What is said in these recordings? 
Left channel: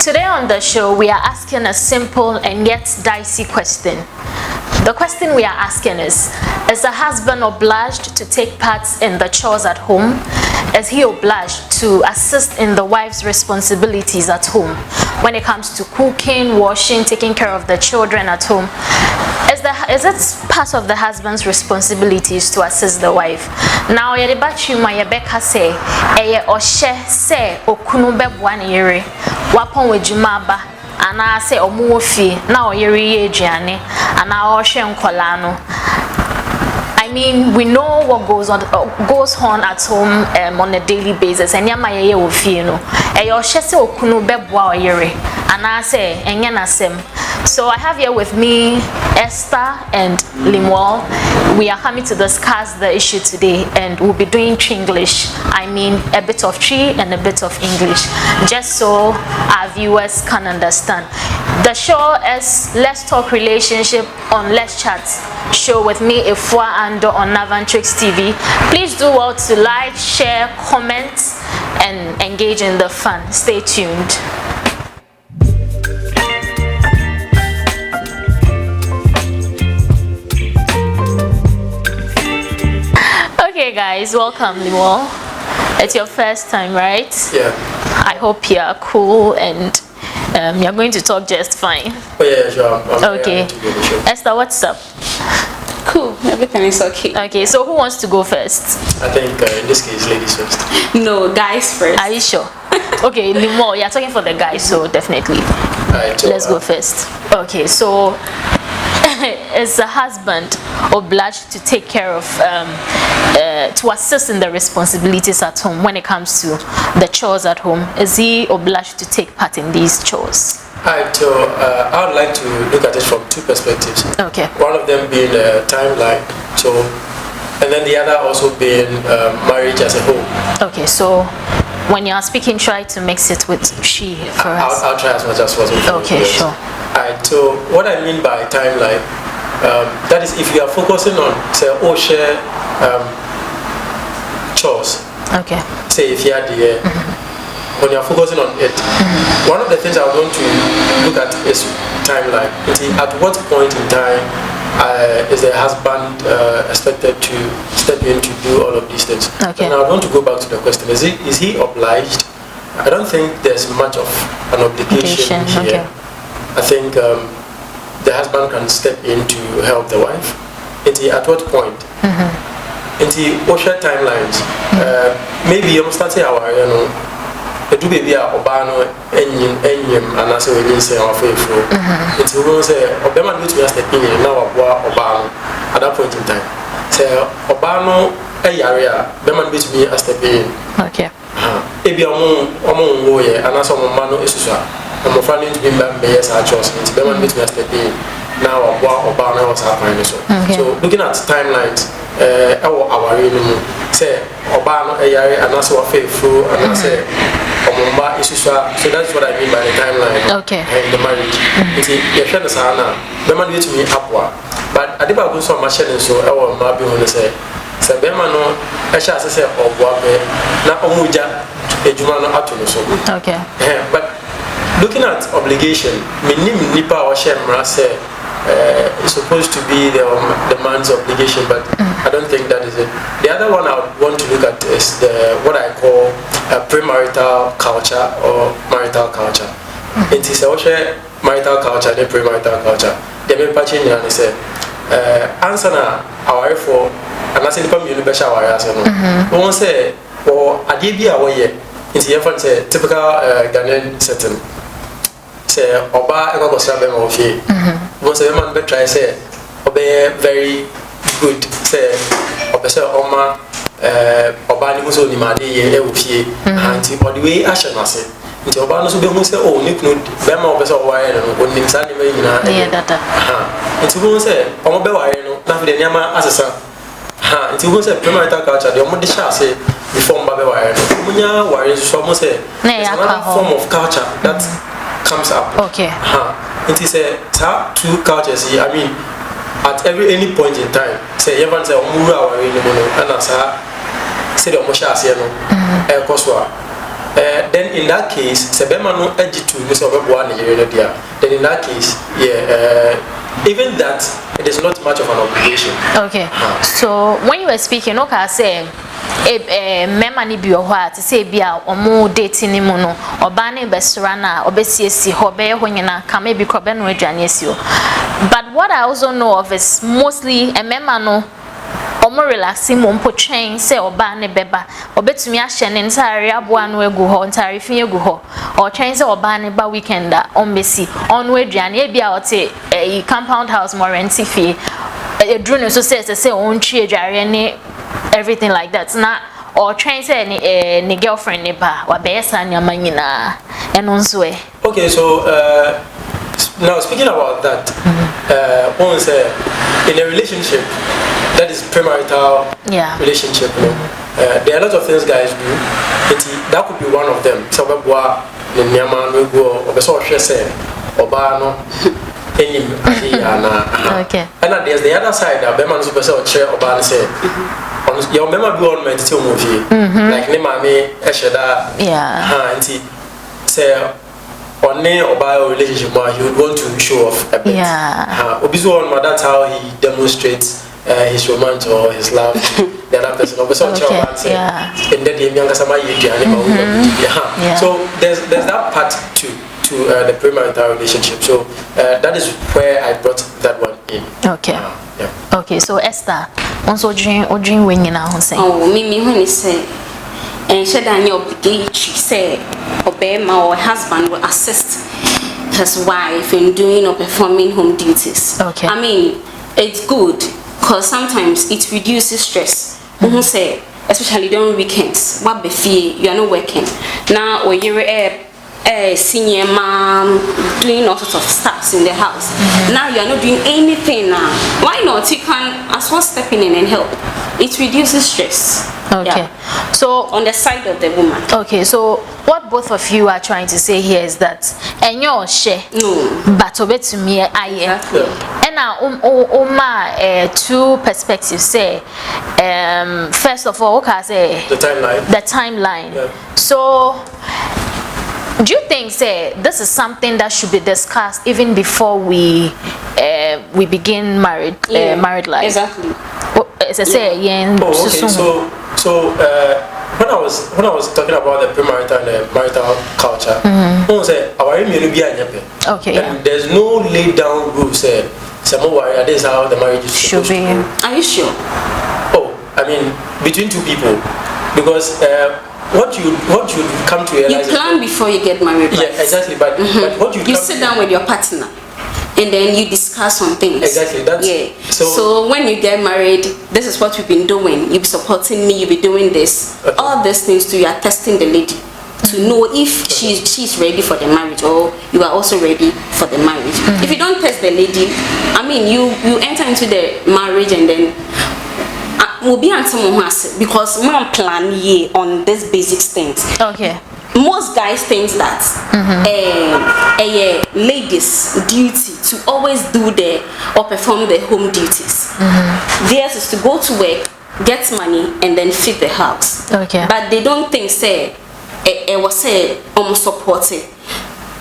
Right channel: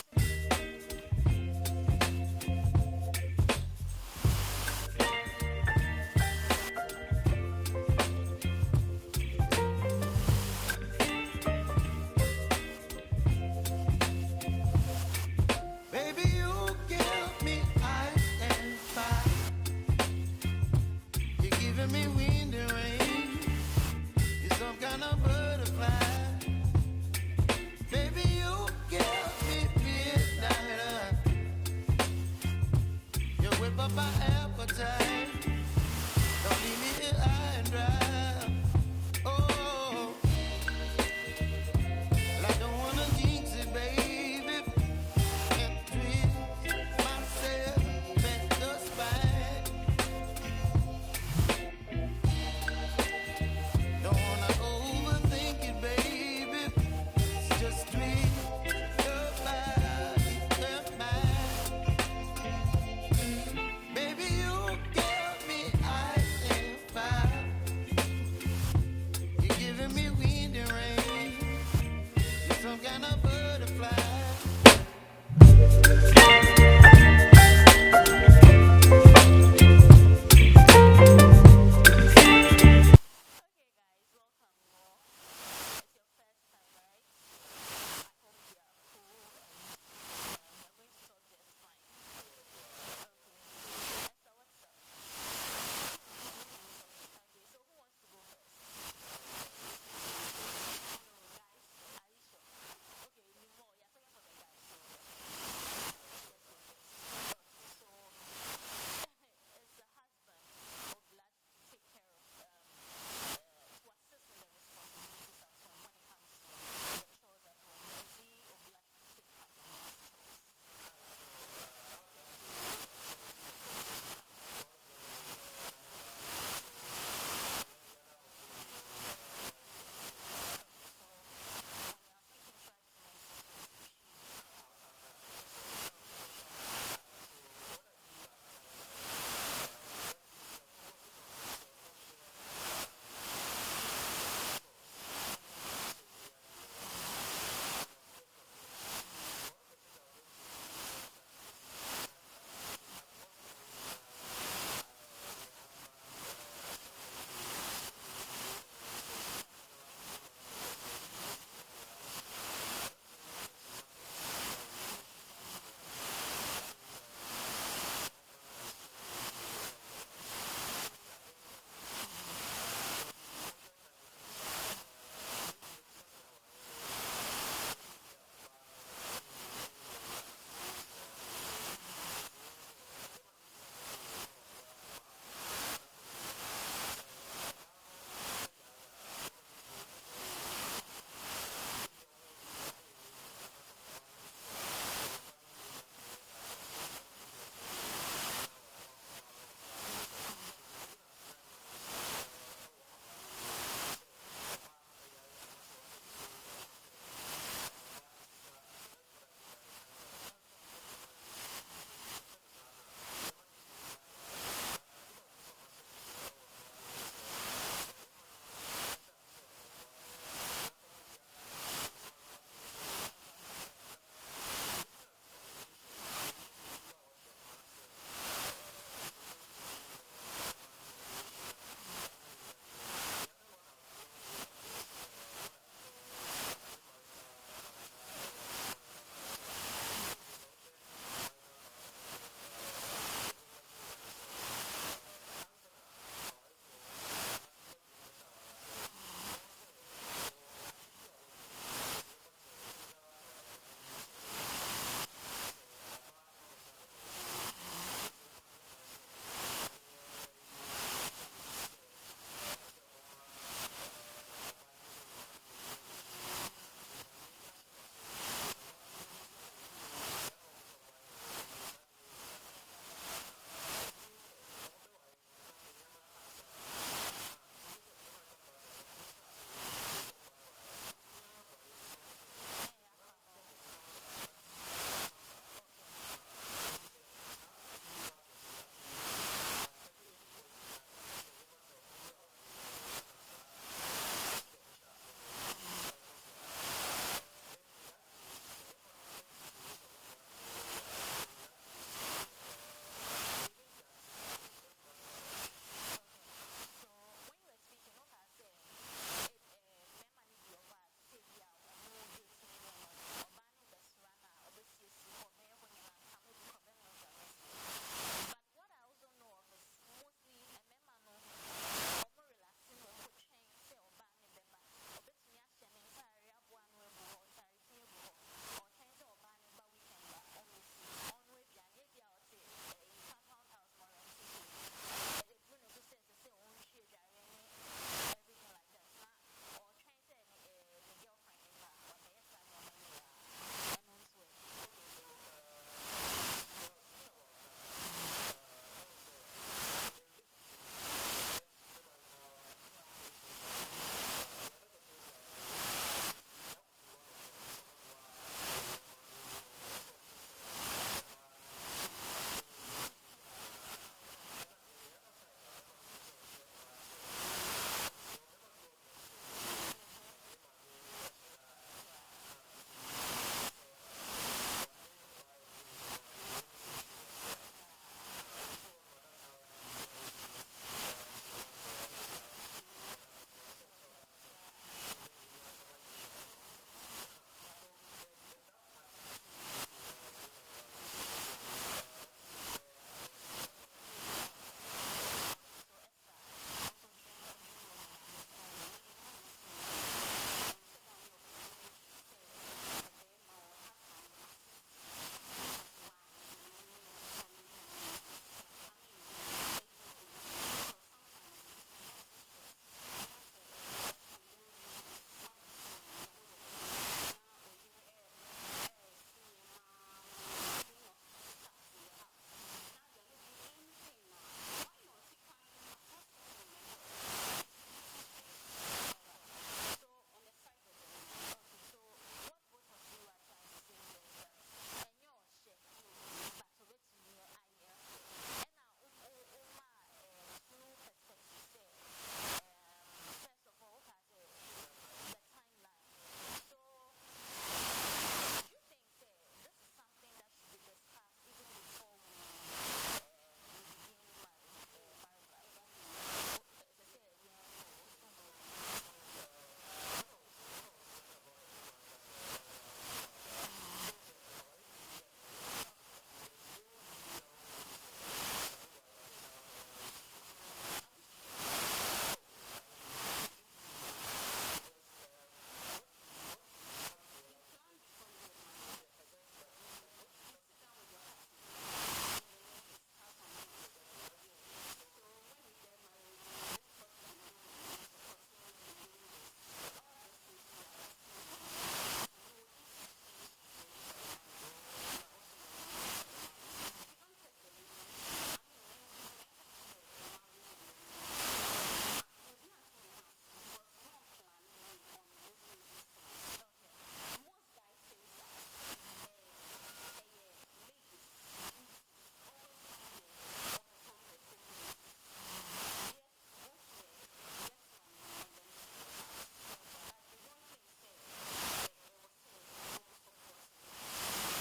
Today on the show, we are asking a simple and yet dicey question. The question we are asking is a husband obliged to take part in the chores at home? Is he obliged to assist in the wife's responsibilities at home when it comes to cooking, washing, taking care of the children at home? Is it part of the husband's responsibilities to assist the wife? Now, Rebecca say, say, okunu bebwan yere, wapon wejumaba, and I say, omuofi, now yere jiane, and I oshen kolano. I mean, we know what goes on at home on a daily basis. And yamaye ofino. Eyo shese okunu bebwa yere, and I say, enyanasem. So I have here with me Esther and Limwal. We are coming to discuss the issue today, and we'll be doing Tringlish. I mean, a bit of Tree and a bit of English, just so our viewers can understand. The show is Let's Talk Relationship on Let's Chat show with me, Efua Ando, on Navantrics TV. Please do well to like, share, comment, and engage in the fun. Stay tuned. Okay guys, welcome Limwal. It's your first time, right? Yeah. I hope you're cool and you're going to talk just fine. Oh yeah, sure. Okay. Esther, what's up? Cool, everything is okay. Okay, so who wants to go first? I think in this case, ladies first. No, guys first. Are you sure? Okay, Limwal, you're talking for the guys, so definitely. Alright, Let's go first. Okay, so is the husband obliged to take care of, to assist in the responsibilities at home when it comes to the chores at home? Is he obliged to take part in these chores? Alright, so I would like to look at it from two perspectives. Okay. One of them being timeline, so, and then the other also being marriage as a whole. Okay, so when you are speaking, try to mix it with she for us. I'll try as much as possible. Okay, sure. Alright, so what I mean by timeline, that is if you are focusing on, say, share chores. Okay. Say if you are the when you are focusing on it, one of the things I want to look at is timeline. At what point in time is the husband expected to step in to do all of these things? Okay. And I want to go back to the question: is he obliged? I don't think there's much of an obligation here. Okay. I think the husband can step in to help the wife. At what point? What share timelines? Maybe you start to our, do baby obano enyim and as we say our faithful. It's we say obama do to step in now obano at that point in time. Say obano area obama do to me step in. Okay. Ebi omo wo ye and as omo mano esusu I'm planning to be members at Chores. It's better than me step in now. Obama was happening so. So looking at timelines, our say Obama and also faithful and I say Omumba is so that's what I mean by the timeline. Okay. And the marriage. It's a friend of Sana. The man with me upward, but I did not go so much so I will not be on the say. So Bemano, I shall say Obwa na Omuja Ejumano Atuno so. Okay. But looking at obligation, nipa or shemra say it's supposed to be the man's obligation, but I don't think that is it. The other one I would want to look at is what I call premarital culture or marital culture. It is also marital culture, the premarital culture. They may patch in and say, answer na our for, and I say the family besha our answer. One say, or Adibia away. It's the typical Ghanaian setting. Say Oba ego go sabe mo fie. Won say man be try say Oba very good. Say Oba say Oma Oba ni mo so ni ma de ye e wo fie. Anti all the way action ase. Nti Oba no so be mo say oh ni kunu be ma Oba say o wa ye no onim sa ni ma nyina. Yeah, data. Nti won say Omo be wa ye no na fi de nyama asesa. Nti won say premarital culture de Omo de sha say before Mbabe wire. Munya wire so mo say it's another form of culture that comes up. Okay. It is a two cultures here. I mean, at any point in time, say everyone say omura wire no no and as say the omosha ase no e koswa then in that case, sebemano ejitu Mr. Obebuane there. Then in that case, even that it is not much of an obligation. Okay. So when you were speaking, okay, I say mema ni bi ohwa to say bia omo dating ni mu no oba na besra na obesiesi ho be ho nyina ka me bi krobe no aduane asio. But what I also know of is mostly mema no omo relaxing mo mpo twen say oba ne beba obetumi ahye ne ntare aboa no egu ho ntare fi egu ho o twen say oba ne ba weekend on besi on aduane e bia o te compound house mo rent fee edru no so say on twi aduare ne everything like that na or trying say ni girlfriend ne ba wa be yesa nyama nyina eno nso e. Okay, so now speaking about that, one say in a relationship that is premarital relationship, there are a lot of things guys do. That could be one of them. So boa ni nyama no go obeso hwe say oba no enim na okay. And there's the other side that be man so person che oba no say your member be on meditate movie like ne mame esheda anti say on ne oba relationship he would want to show off a bit obizo on that's how he demonstrates his romance or his love to the other person. And then the younger sama so there's that part to the premarital relationship. So that is where I brought that one in. Okay. Okay, so Esther, also dream when you now say. Oh, me when he say, and should I know obliged say, obey my husband will assist his wife in doing or performing home duties. Okay. I mean, it's good because sometimes it reduces stress. Say, especially during weekends, what be fee you are not working now, or you're a senior mom doing all sorts of stuff in the house. Now you are not doing anything now. Why not? You can as well step in and help. It reduces stress. Okay. So on the side of the woman. Okay, so what both of you are trying to say here is that enyo share but obeto me aye. And now two perspectives say first of all okay say the timeline. Yeah. So do you think say this is something that should be discussed even before we begin married life? Exactly. So when I was talking about the premarital and the marital culture, I say okay, and there's no laid down rule say this is how the marriage is supposed to be. Are you sure? Oh, I mean between two people, because what you come to realize, you plan before you get married. Yeah, exactly. But what you sit down with your partner and then you discuss on things. Exactly. That's So when you get married, this is what we've been doing. You be supporting me. You be doing this. Okay. All these things too. You are testing the lady to know if she's ready for the marriage or you are also ready for the marriage. If you don't test the lady, I mean you enter into the marriage and then. Will be because mom plan on these basic things. Okay. Most guys think that a lady's duty to always do or perform the home duties. Theirs is to go to work, get money, and then feed the house. Okay. But they don't think say almost supported.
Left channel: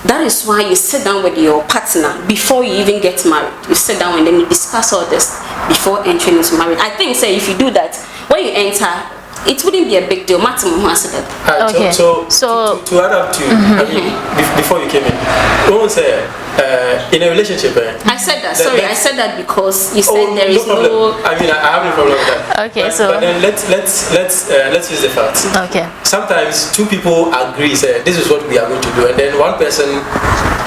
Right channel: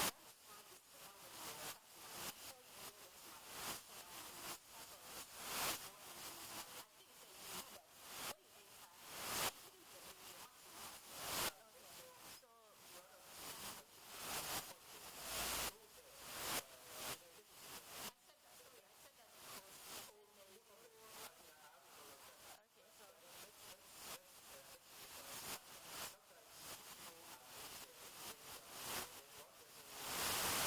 That is why you sit down with your partner before you even get married. You sit down and then you discuss all this before entering into marriage. I think, say, if you do that, when you enter, it wouldn't be a big deal. Okay. So to add up to, I mean, before you came in, don't say in a relationship. I said that. Sorry, I said that because you said there is no. I mean, I have no problem with that. Okay, but then let's use the facts. Okay. Sometimes two people agree, say this is what we are going to do, and then one person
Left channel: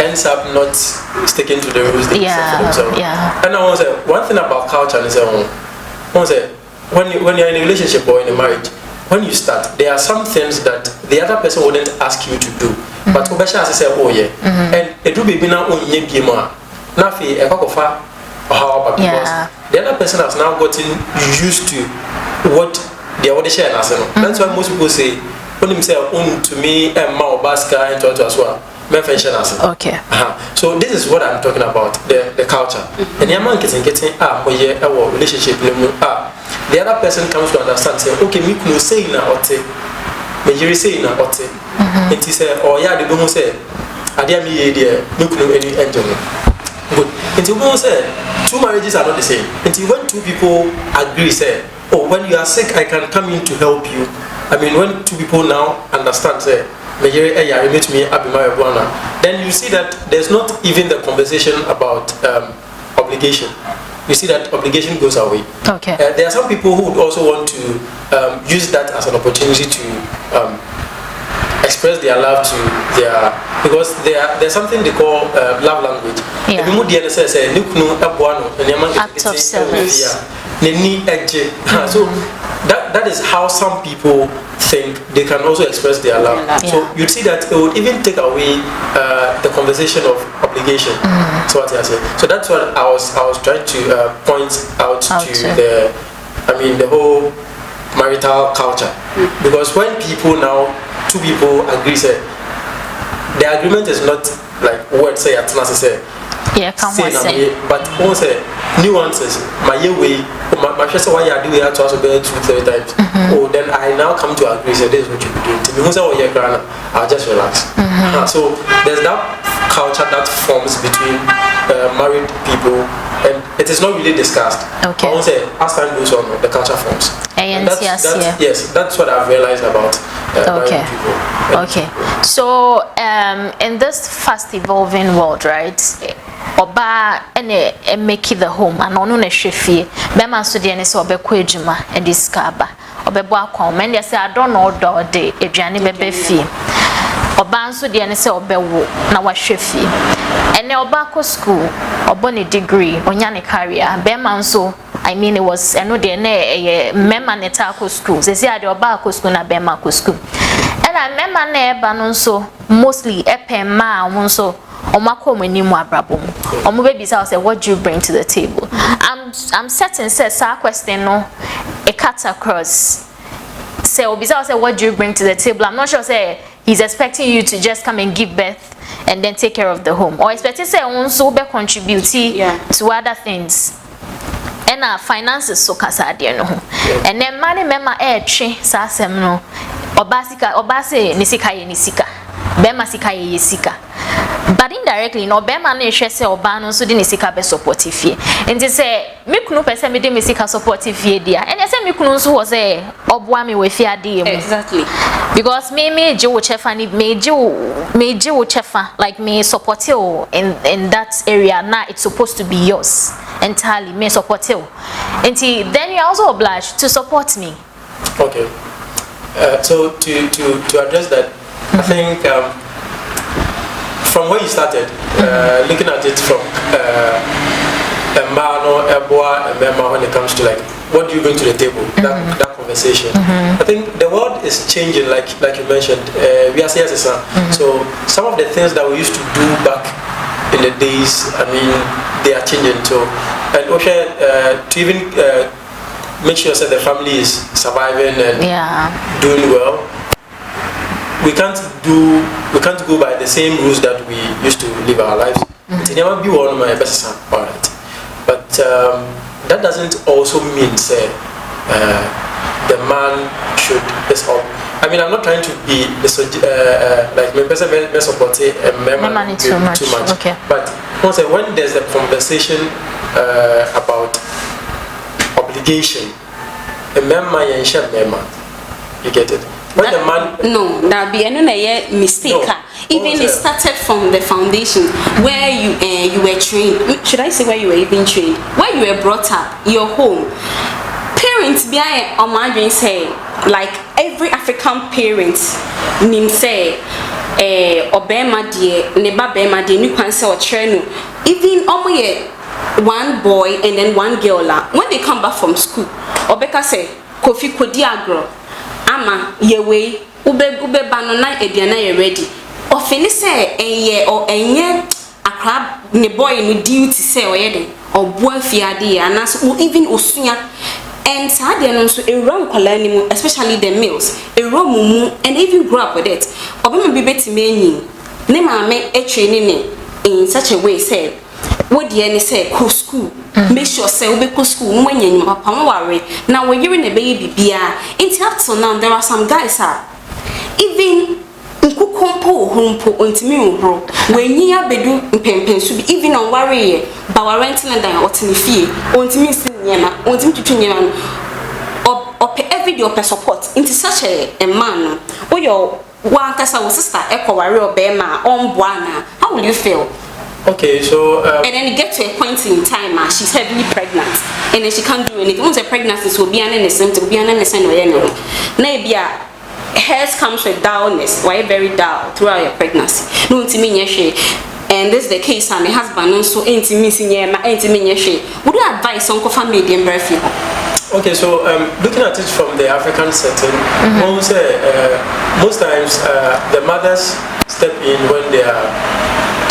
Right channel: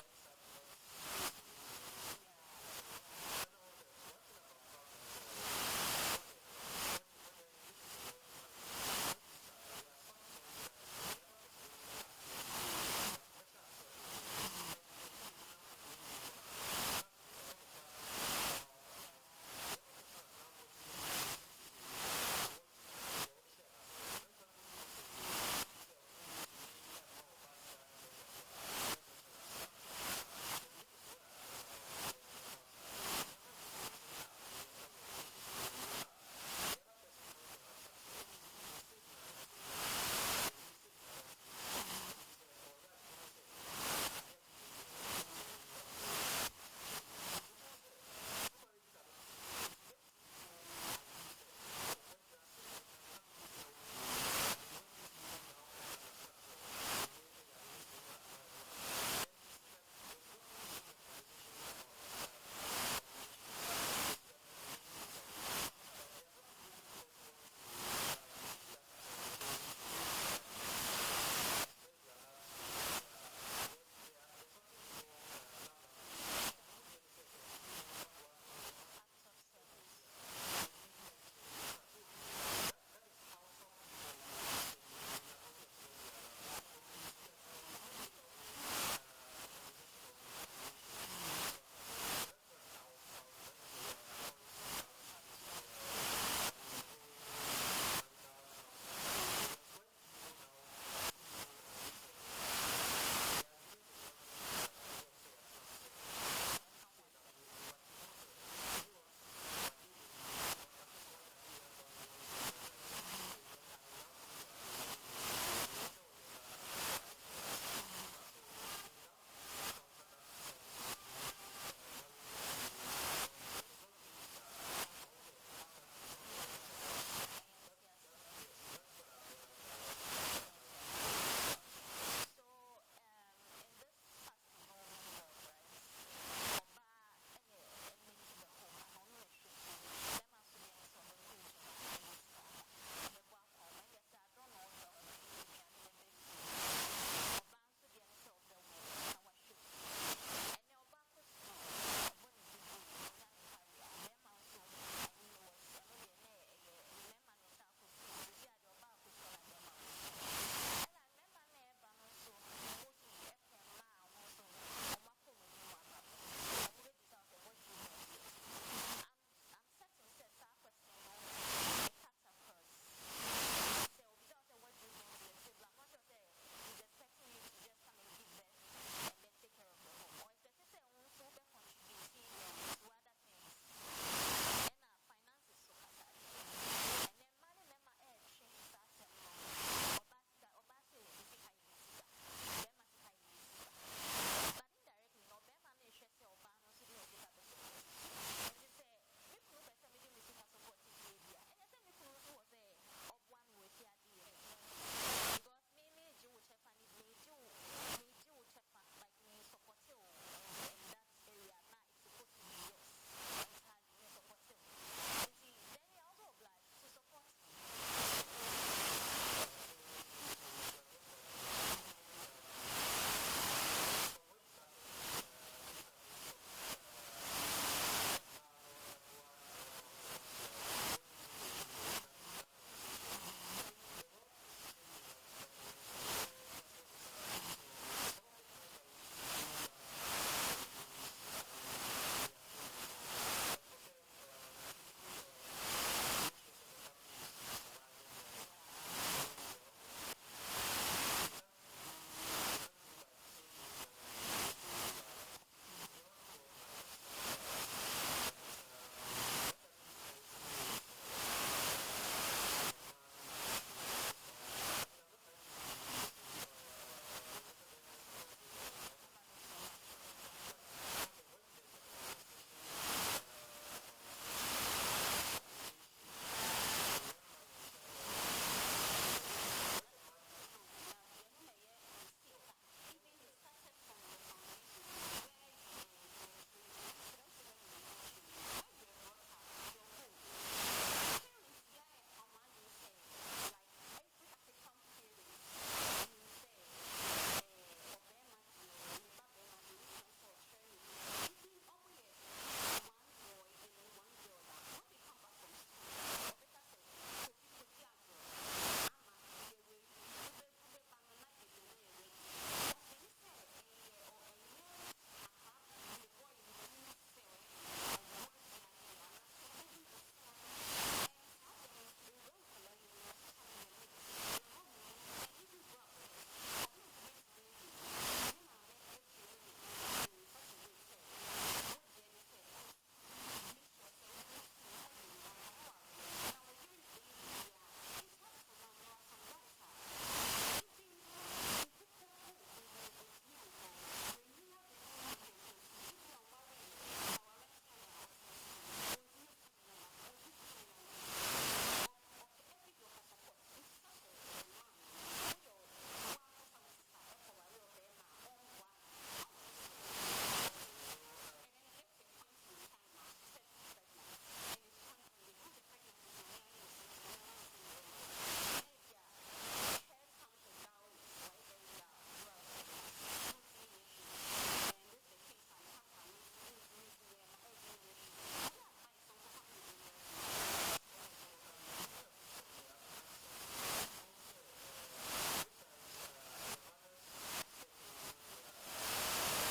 ends up not sticking to the rules they set for themselves. Yeah. And I want to say one thing about culture is when you're in a relationship or in a marriage, when you start, there are some things that the other person wouldn't ask you to do. But Obesha has said, oh yeah, and it will be now on Yema. Nafi, a cocofa, or how because the other person has now gotten used to what the other share has. That's why most people say, when himself own to me and Mao Baska and to as well. Okay. So this is what I'm talking about, the culture. And the man is getting our relationship. The other person comes to understand, say, okay, me could say now, me yiri say na ote enti say o ya de bo say ade am ye de me kunu any enjoy good enti bo say two marriages are not the same enti when two people agree say oh when you are sick I can come in to help you. I mean when two people now understand say me yiri ya meet me abi my buana, then you see that there's not even the conversation about obligation. You see that obligation goes away. Okay. There are some people who would also want to use that as an opportunity to express their love to their, because there's something they call love language. Yeah. Act of service. So that is how some people think they can also express their love. Yeah. So you'd see that it would even take away the conversation of obligation. So what I say. So that's what I was trying to point out to the whole marital culture. Because when people now, two people agree, say the agreement is not like what say at last say. Yeah, come on say. But one say nuances. My way, my sister, why you do it to us about 2-3 times. Oh, then I now come to agree. Say this is what you do. To me, who say oh yeah, grana, I'll just relax. So there's that culture that forms between married people, and it is not really discussed. Okay. I won't say as time goes on, the culture forms. And yes, that's what I've realized about married people. Okay. So in this fast evolving world, right? Oba ene make the home and onu na hwefie be man so de ne se obekọ adwuma e diskaba obebo akwa men de say I don't know do de aduane bebe fie oba nso de ne se obewo na wa hwefie ene oba ko school obo ne degree onya ne career be man so I mean it was eno de na mema ne ta ko school se say ade oba ko school na be ma ko school and I mema na eba no so mostly epema wonso baby say what do you bring to the table? I'm certain says our question no a cut across. Say Obisa say what do you bring to the table? I'm not sure say he's expecting you to just come and give birth and then take care of the home. Or expecting say also be contribute to other things. And our finances so kasa de no. And then money mema twe sa asem no. Obase nisika. Bema sika ye sika. But indirectly no bema na ehwe se oba no so de ne sika be support fie enti se me kunu pese me de me sika support fie dia ene se me kunu so wo se oboa me we fie ade mu exactly because me je wo chefa ni me je wo chefa like me support you in that area now it's supposed to be yours entirely me support you enti then you're also obliged to support me. Okay. So to address that, I think from where you started, looking at it from a man or a boy, a member when it comes to like what do you bring to the table, that conversation. I think the world is changing, like you mentioned. We are serious, so some of the things that we used to do back in the days, I mean, they are changing too. And also to even make sure that the family is surviving and doing well. We can't go by the same rules that we used to live our lives. It never be one of my best son, alright. But that doesn't also mean say the man should up. I mean, I'm not trying to be like my person support a man too much. Okay. But when there's a conversation about obligation, a member and share member, you get it. When the man no, that be another mistake. No. Even it started from the foundation where you were trained. Should I say where you were even trained? Where you were brought up, your home. Parents behind imagine say like every African parent nim say obema die neba bema die nu kwan say o trenu even omoye one boy and then one girl la when they come back from school obeka say kofi kodi agro ama yewe ube bano na ediana ye ready ofini say enye or enye akra ne boy no duty say oyede oboa fiade anas even osunya and sadie no so ewura nkwala ni mu especially the males ewura mumu and even grow up with it obema bi betime enyi ne maame etraining ne in such a way say what the any say go school make sure say we go school no wanya nyuma papa no worry now we hearing a baby bia until up till now there are some guys even nkukompo humpo ontimi uhro wenyi abedu mpempensu bi even on worry ba wa renting and otini fie ontimi sinyema ontimi twetwenya no op every day op support into such a man o your one kasa wo sister ekọ worry obema on buana. How will you feel? Okay, so and then you get to a point in time she's heavily pregnant and then she can't do anything. Once a pregnancy will be an innocent, will be an innocent or anything. Maybe hairs comes with dullness, why very dull throughout your pregnancy. No intimidation. And this is the case and the husband also intimidation. Would you advise on family and birth? Okay, so looking at it from the African setting, most times the mothers step in when they are.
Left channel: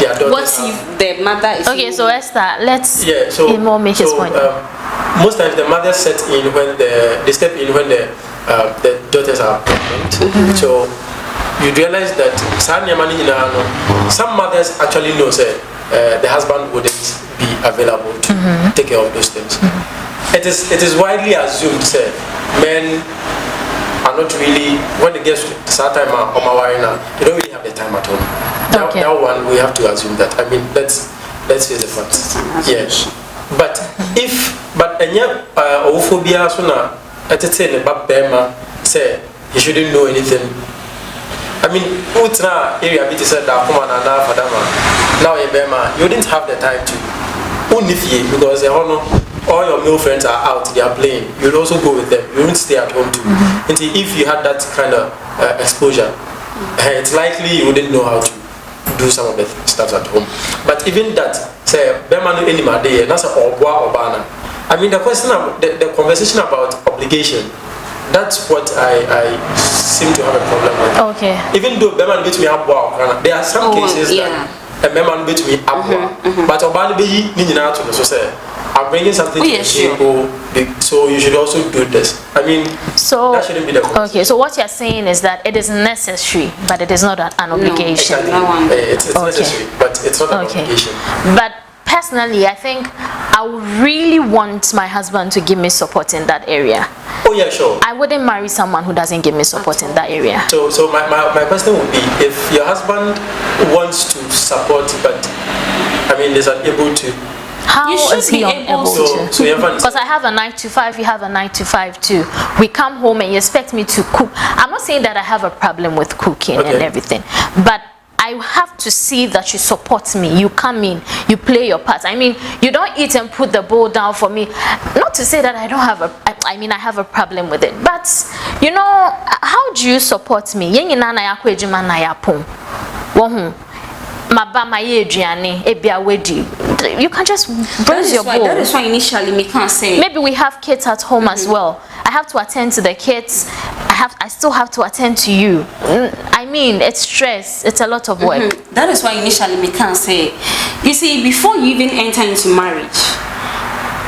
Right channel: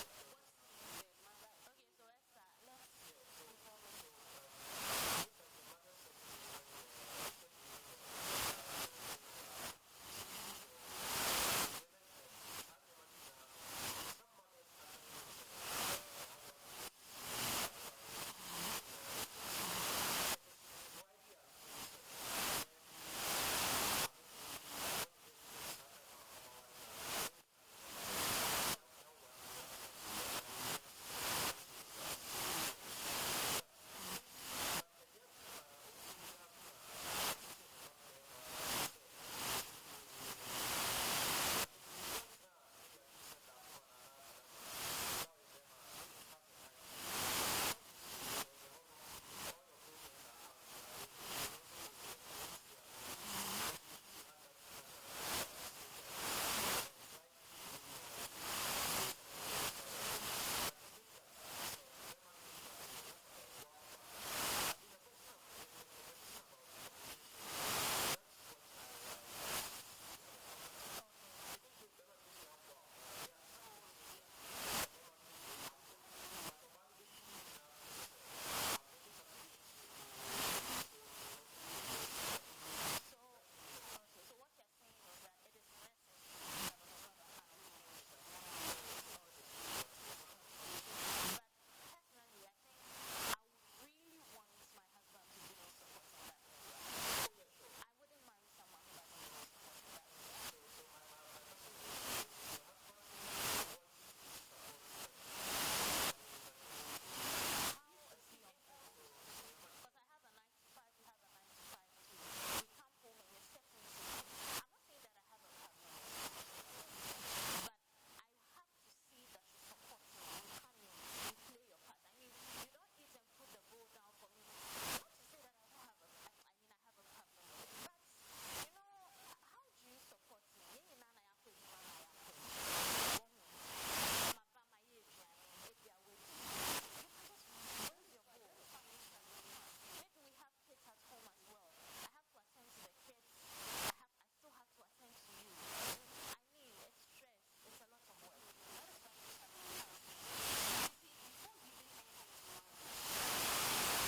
What if the mother is okay? So Esther, let's more make his point. Most times the mothers step in when they step in when the daughters are pregnant. So you realize that some mothers actually know the husband wouldn't be available to take care of those things. It is widely assumed men are not really, when they get to that time they don't really have the time at home. Okay. That one we have to assume that. I mean, let's face the facts. Yes. But homophobia suna atete ba bema say you shouldn't know anything. I mean, utra area bit said that come na fadama. Now bema, you didn't have the time to unify because all your male friends are out, they are playing. You'll also go with them. You won't stay at home too. Until if you had that kind of exposure, it's likely you wouldn't know how to do some of the stuff at home. But even that, say, that's I mean, the question, the conversation about obligation, that's what I seem to have a problem with. Okay. Even though Beman beat me up, there are some cases that a Beman beat me up, but Obana be Nina to the society. I'm bringing something to the table, so you should also do this. I mean, so that shouldn't be the case. Okay, so what you're saying is that it is necessary, but it is not an obligation. Exactly. It's necessary, but it's not an obligation. But personally, I think I would really want my husband to give me support in that area. Oh yeah, sure. I wouldn't marry someone who doesn't give me support in that area. So my question would be, if your husband wants to support, but I mean, is unable to. How is he unable to? Because I have a 9 to 5, you have a 9 to 5 too. We come home and you expect me to cook. I'm not saying that I have a problem with cooking and everything, but I have to see that you support me. You come in, you play your part. I mean, you don't eat and put the bowl down for me. Not to say that I don't have I mean, I have a problem with it. But, you know, how do you support me? You can just bruise your bowl. That is why initially me can't say. Maybe we have kids at home as well. I have to attend to the kids. I still have to attend to you. I mean, it's stress. It's a lot of work. That is why initially me can't say. You see, before you even enter into marriage,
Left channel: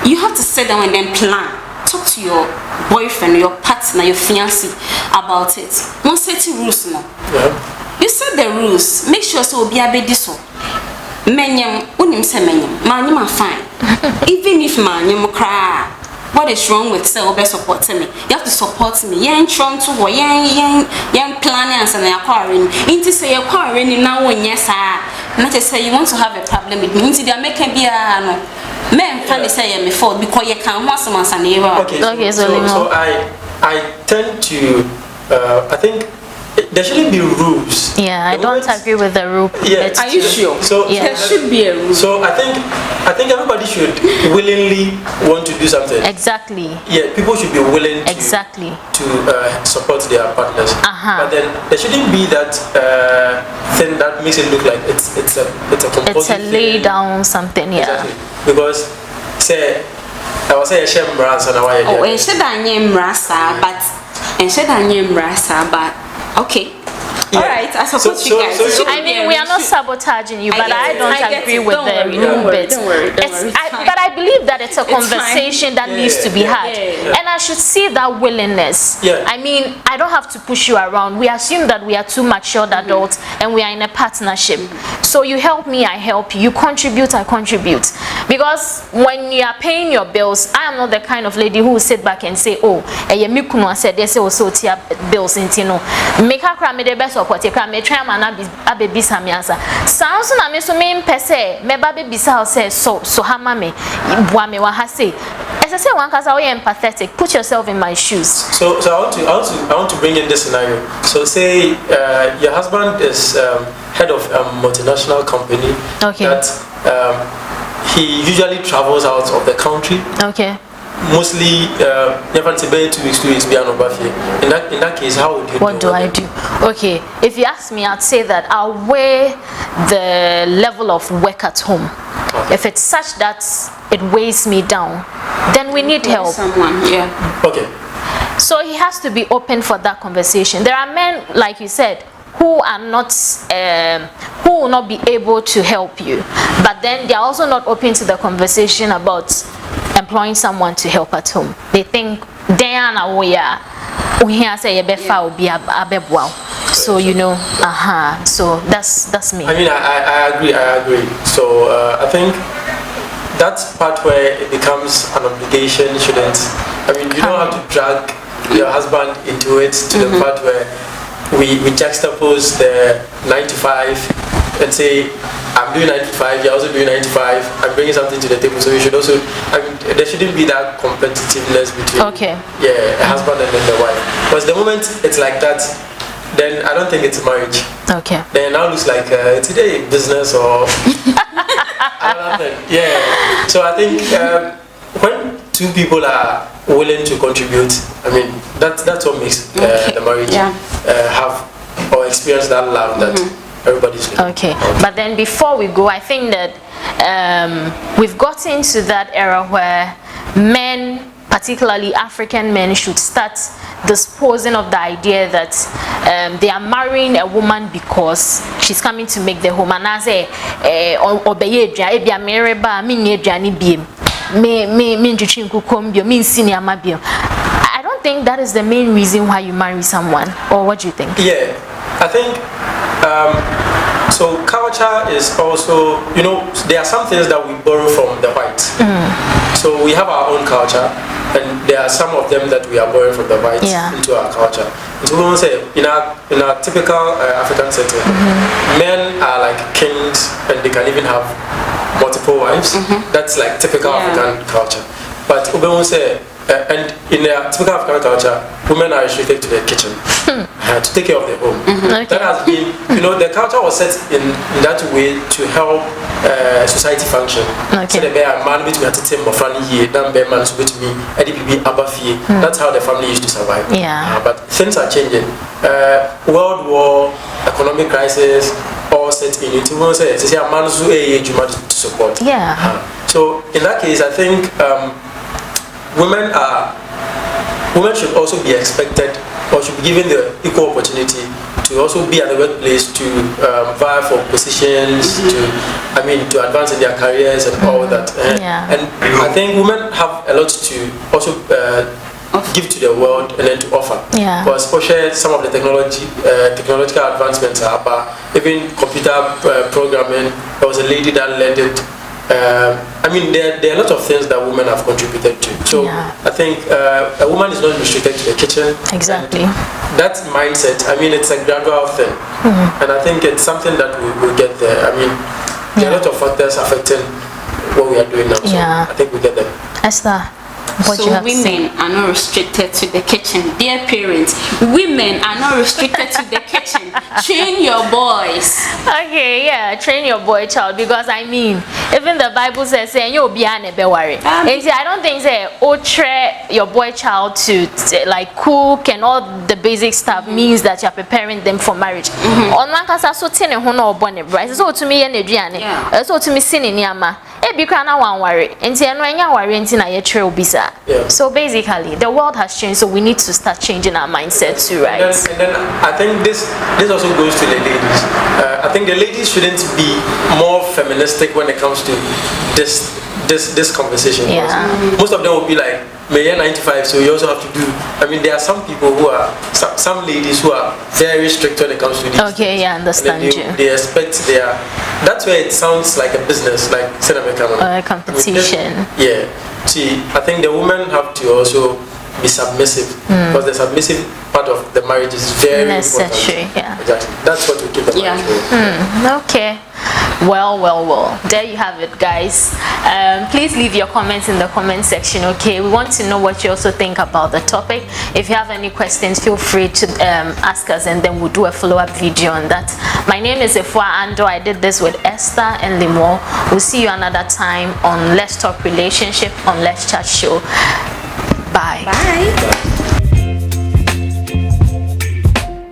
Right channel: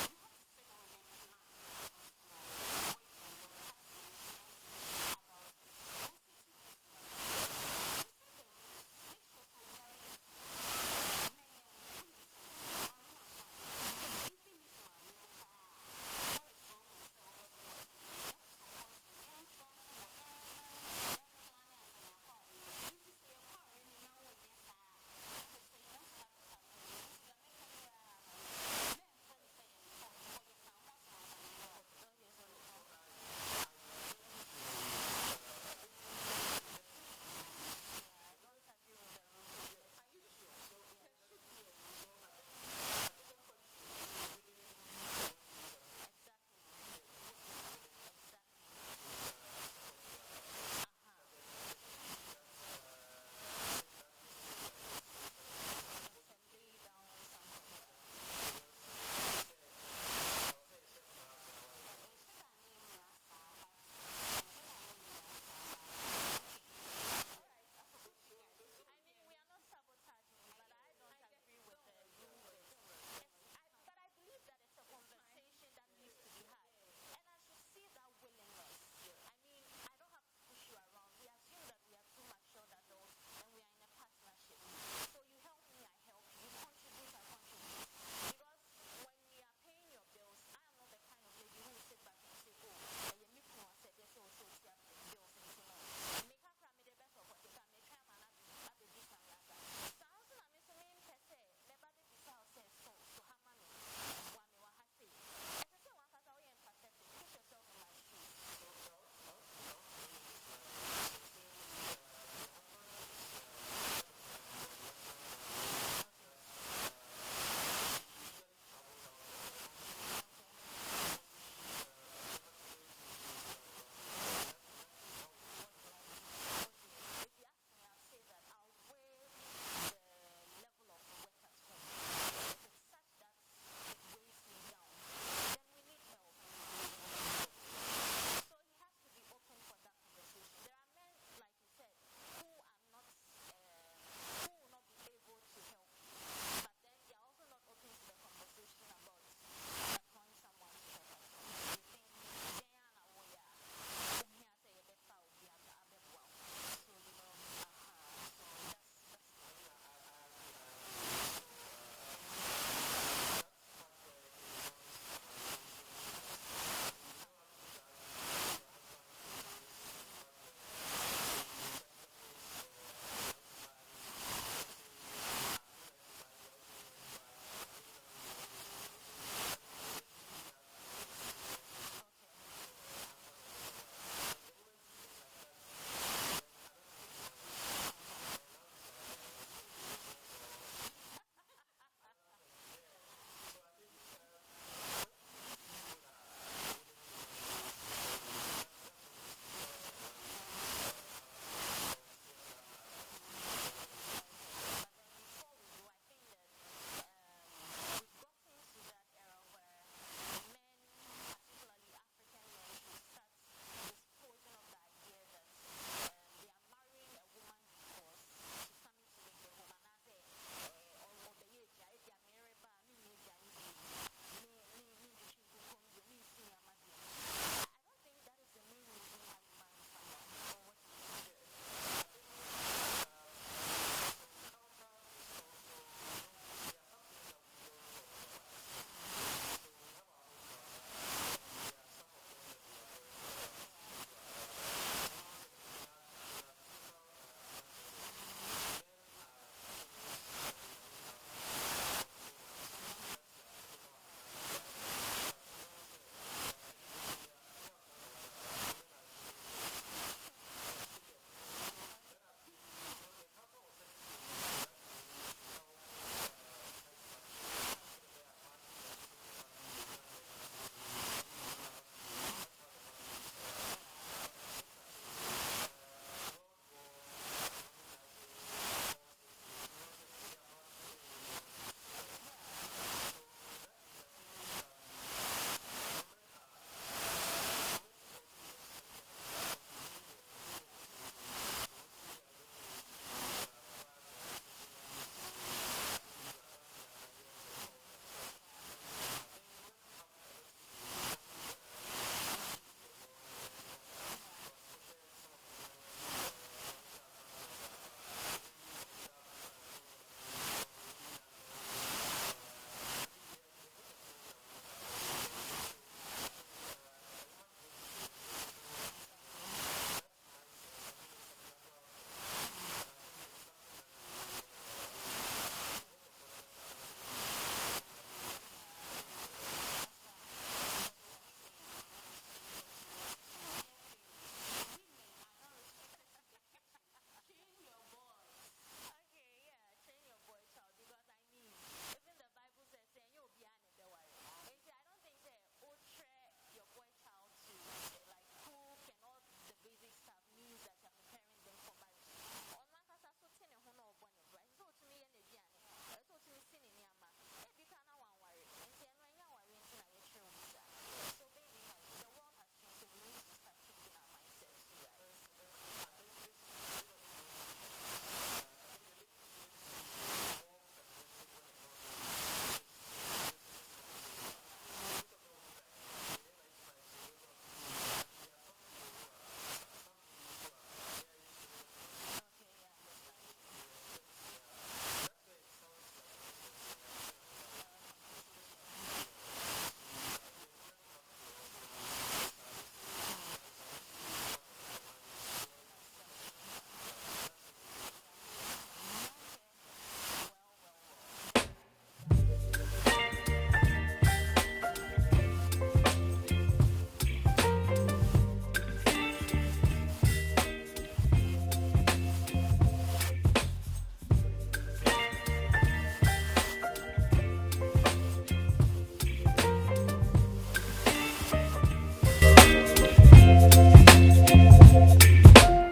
you have to sit down and then plan. Talk to your boyfriend, your partner, your fiancé about it. Don't set rules now. You set the rules. Make sure so be a bit so. Menyam, unim se menyam. Manyam fine. Even if manyam cry, what is wrong with say obe support me? You have to support me. Yen trying to wo yen planning and acquiring. Inti say acquiring now when yes not to say you want to have a problem with me. Inti they make be a no. Men can say me for because you can want some answer. Okay, so I tend to I think there shouldn't be rules. Yeah, I don't agree with the rule. Yeah. Are you sure? So there should be a rule. So I think everybody should willingly want to do something. Exactly. Yeah, people should be willing to to support their partners. But then there shouldn't be that thing that makes it look like it's a compulsory it's a lay down something. Yeah. Exactly. Because say I was saying shame brands and why. Oh, and said I am rasa, but okay. Yeah. All right, I support you guys. I mean, we are not sabotaging you, but I don't agree with the rule bit. Don't worry. But I believe that it's a conversation that needs to be had. And I should see that willingness. I mean, I don't have to push you around. We assume that we are two matured adults and we are in a partnership. So you help me, I help you. You contribute, I contribute. Because when you are paying your bills, I am not the kind of lady who will sit back and say, oh, me kuno said they say also tia bills into no. Make her cry me the best of what you cry me try man abe bisa me answer. Sounds na me so me pese me ba be bisa say so hama me bua me wa ha say. As I say one cause I am empathetic. Put yourself in my shoes. So I want to bring in this scenario. So say your husband is head of a multinational company. Okay. That he usually travels out of the country. Okay. Mostly never to be 2 weeks be an overflow. In that case, how would you what do I do? Okay, if you ask me, I'd say that I'll weigh the level of work at home. Okay. If it's such that it weighs me down, then we need help. Someone, yeah. Okay. So he has to be open for that conversation. There are men, like you said, who are not, who will not be able to help you, but then they are also not open to the conversation about employing someone to help at home. They think they are now we here say be abebwa. So you know, so that's me. I mean, I agree. So I think that's part where it becomes an obligation. Shouldn't, I mean, you don't have to drag your husband into it to the part where we juxtapose the 9 to 5 and say, I'm doing 9 to 5, you're also doing 9 to 5, I'm bringing something to the table. So you should also, I mean, there shouldn't be that competitiveness between a husband and then the wife. Because the moment it's like that, then I don't think it's marriage. Okay. Then it now looks like today business or another thing. Yeah. So I think when two people are willing to contribute, I mean, that's what makes the marriage have or experience that love that everybody's looking. Okay. But then before we go, I think that we've gotten to that era where men, particularly African men, should start disposing of the idea that they are marrying a woman because she's coming to make the home. And I say, I don't think that is the main reason why you marry someone. Or what do you think? Yeah, I think so. Culture is also, you know, there are some things that we borrow from the whites. So we have our own culture, and there are some of them that we are borrowing from the whites into our culture. So we want to say, in our typical African setting, men are like kings, and they can even have multiple wives. That's like typical African culture. But we want to say, and in a typical African culture, women are restricted to the kitchen to take care of the home. That has been, you know, the culture was set in that way to help society function. So the man between a team of family, man so between that's how the family used to survive. But things are changing. World War, economic crisis, all set in it. We say a man to support. So in that case, I think women should also be expected, or should be given the equal opportunity to also be at the workplace to vie for positions, to advance in their careers and all that. And I think women have a lot to also give to the world and then to offer. Because some of the technological advancements are about, even computer programming. There was a lady that led it. I mean, there are a lot of things that women have contributed to. So I think a woman is not restricted to the kitchen. Exactly. That mindset, I mean, it's a gradual thing. And I think it's something that we will get there. I mean, there are a lot of factors affecting what we are doing now. So I think we get there. Esther, what so you have women are not restricted to the kitchen. Dear parents, women are not restricted to the kitchen. Train your boys. Okay, train your boy child, because I mean, even the Bible says you'll be an worry. And I don't think train your boy child to like cook and all the basic stuff means that you're preparing them for marriage. On one case, so tiny hono born right. So to me, so to me, sin in yama. Be crying one worry. And say, no, you're worrying in a trail bisa. So basically, the world has changed, so we need to start changing our mindset too, right? And then I think this also goes to the ladies. I think the ladies shouldn't be more feministic when it comes to this this conversation. Yeah. Most of them will be like, "May 95, so you also have to do." I mean, there are some people who are some ladies who are very strict when it comes to these. Okay, yeah, understand you. They expect their. That's where it sounds like a business, like cinema camera. Competition. Yeah. See, I think the women have to also be submissive because the submissive part of the marriage is very necessary. important. Yeah. Exactly. That's what we keep the marriage for. Okay. Well. There you have it, guys. Please leave your comments in the comment section. Okay. We want to know what you also think about the topic. If you have any questions, feel free to ask us, and then we'll do a follow-up video on that. My name is Efua Ando. I did this with Esther and Limo. We'll see you another time on Let's Talk Relationship on Let's Chat Show. Bye. Bye.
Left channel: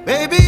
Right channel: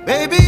Baby.